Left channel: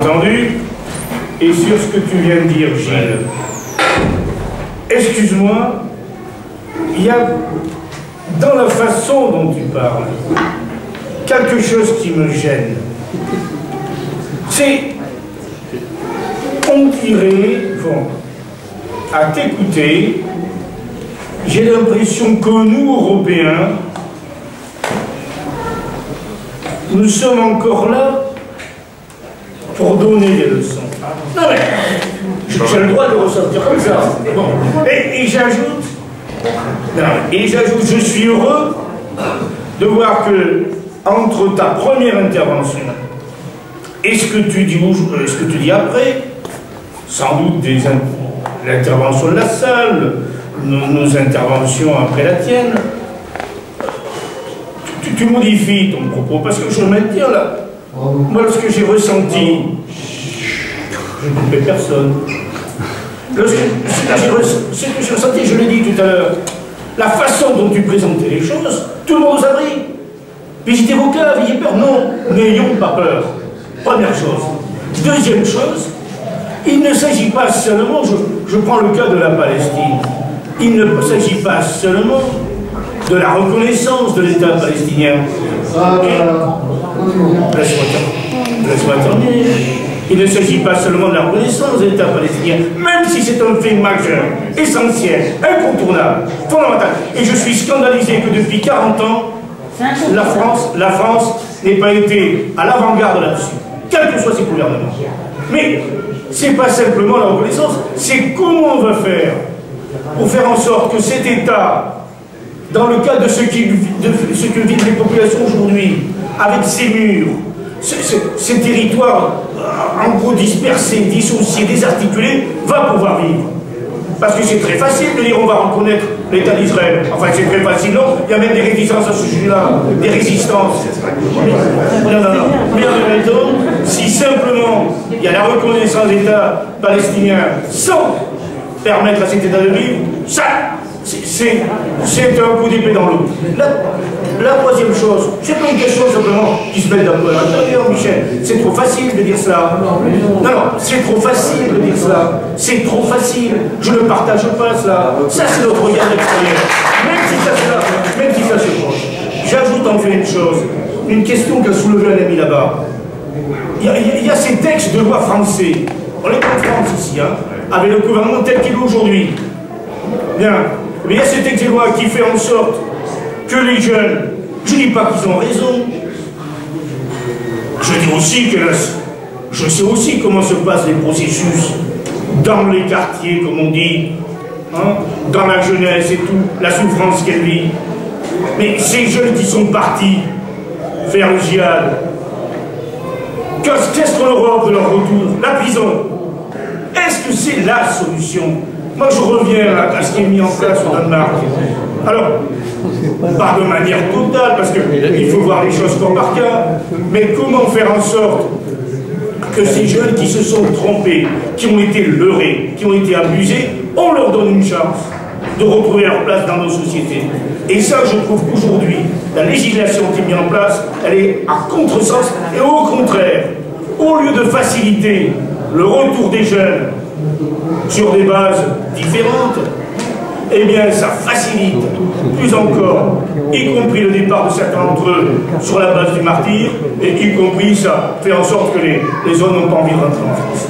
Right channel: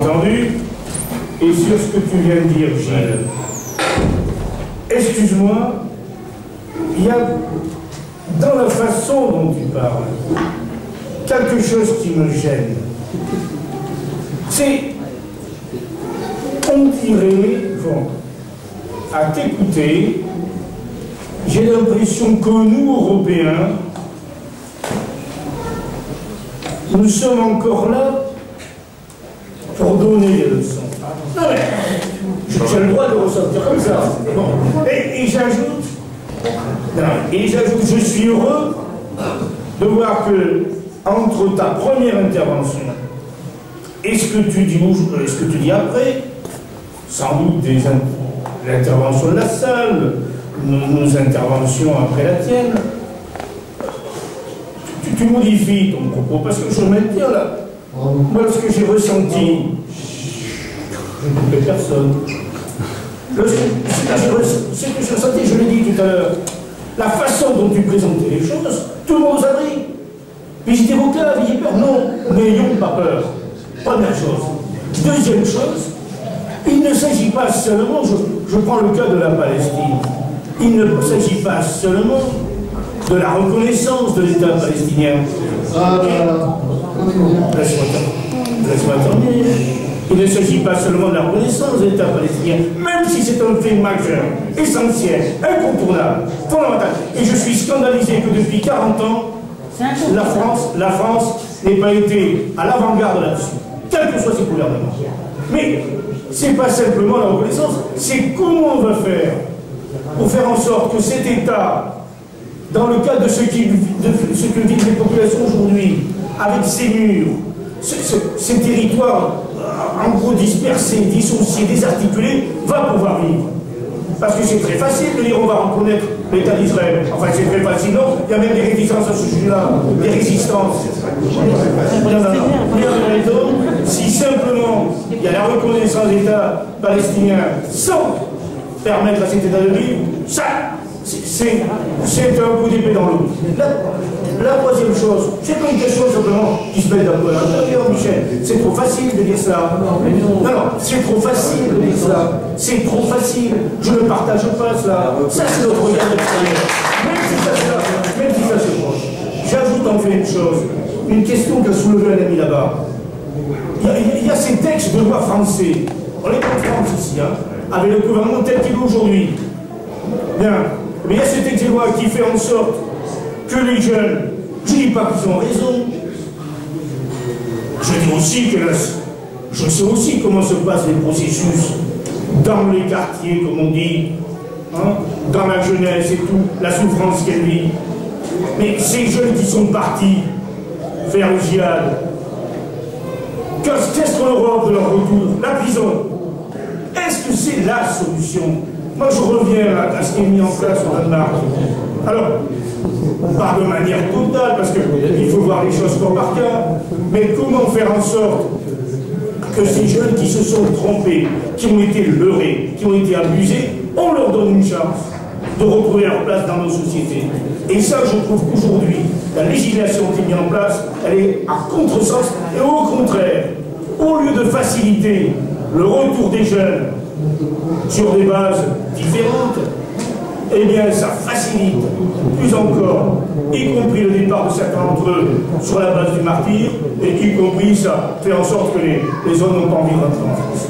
Entendu. Et sur ce que tu viens de dire, Gilles, excuse-moi, il y a dans la façon dont tu parles quelque chose qui me gêne. C'est, on dirait, bon, à t'écouter, j'ai l'impression que nous, Européens, nous sommes encore là pour donner des leçons. Non mais, j'ai le droit de ressortir comme ça. Bon. Et j'ajoute, je suis heureux de voir que, entre ta première intervention et ce que tu dis après, sans doute l'intervention de la salle, nos interventions après la tienne, tu modifies ton propos, parce que je maintiens là. Moi, ce que j'ai ressenti, je ne coupais personne. Ce que j'ai ressenti, je l'ai dit tout à l'heure, la façon dont tu présentais les choses, tout le monde vous a pris. Visitez vos cas, ayez peur. Non, n'ayons pas peur. Première chose. Deuxième chose, il ne s'agit pas seulement, je prends le cas de la Palestine, il ne s'agit pas seulement de la reconnaissance de l'État palestinien. Laisse-moi terminer. Il ne s'agit pas seulement de la reconnaissance de l'État palestinien, même si c'est un fait majeur, essentiel, incontournable, fondamental. Et je suis scandalisé que depuis 40 ans, la France n'ait pas été à l'avant-garde là-dessus, quels que soient ses gouvernements. Mais c'est pas simplement la reconnaissance, c'est comment on va faire pour faire en sorte que cet État, dans le cas de ce que vivent les populations aujourd'hui, avec ces murs, ces territoires en gros dispersés, dissociés, désarticulés, va pouvoir vivre. Parce que c'est très facile de dire on va reconnaître l'État d'Israël. Enfin, c'est très facile, non? Il y a même des réticences à ce sujet-là, des résistances. Non. Mais en même temps, si simplement il y a la reconnaissance de l'État palestinien sans permettre à cet État de vivre, ça, c'est un coup d'épée dans l'eau. La troisième chose, c'est pas une question simplement qui se met d'un peu à l'intérieur, Michel. C'est trop facile de dire cela. Non, c'est trop facile de dire cela. C'est trop facile. Je ne partage pas cela. Ça, c'est notre regard extérieur. Même si ça se proche. J'ajoute en fait une chose, une question qu'a soulevée un ami là-bas. Il y a ces textes de loi français. On est en France ici, hein, avec le gouvernement tel qu'il est aujourd'hui. Bien. Mais il y a ce texte de loi qui fait en sorte que les jeunes, je ne dis pas qu'ils ont raison, je dis aussi que je sais aussi comment se passent les processus dans les quartiers, comme on dit, hein, dans la jeunesse et tout, la souffrance qu'elle vit. Mais ces jeunes qui sont partis faire le djihad, qu'est-ce qu'on leur offre de leur retour? La prison. Est-ce que c'est la solution? Moi, je reviens à ce qui est mis en place au Danemark. Alors, pas de manière totale, parce qu'il faut voir les choses cas par cas, mais comment faire en sorte que ces jeunes qui se sont trompés, qui ont été leurrés, qui ont été abusés, on leur donne une chance de retrouver leur place dans nos sociétés. Et ça, je trouve qu'aujourd'hui, la législation qui est mise en place, elle est à contresens, et au contraire, au lieu de faciliter le retour des jeunes sur des bases différentes, eh bien ça facilite plus encore, y compris le départ de certains d'entre eux sur la base du martyr, et y compris ça fait en sorte que les zones n'ont pas envie de rentrer en France.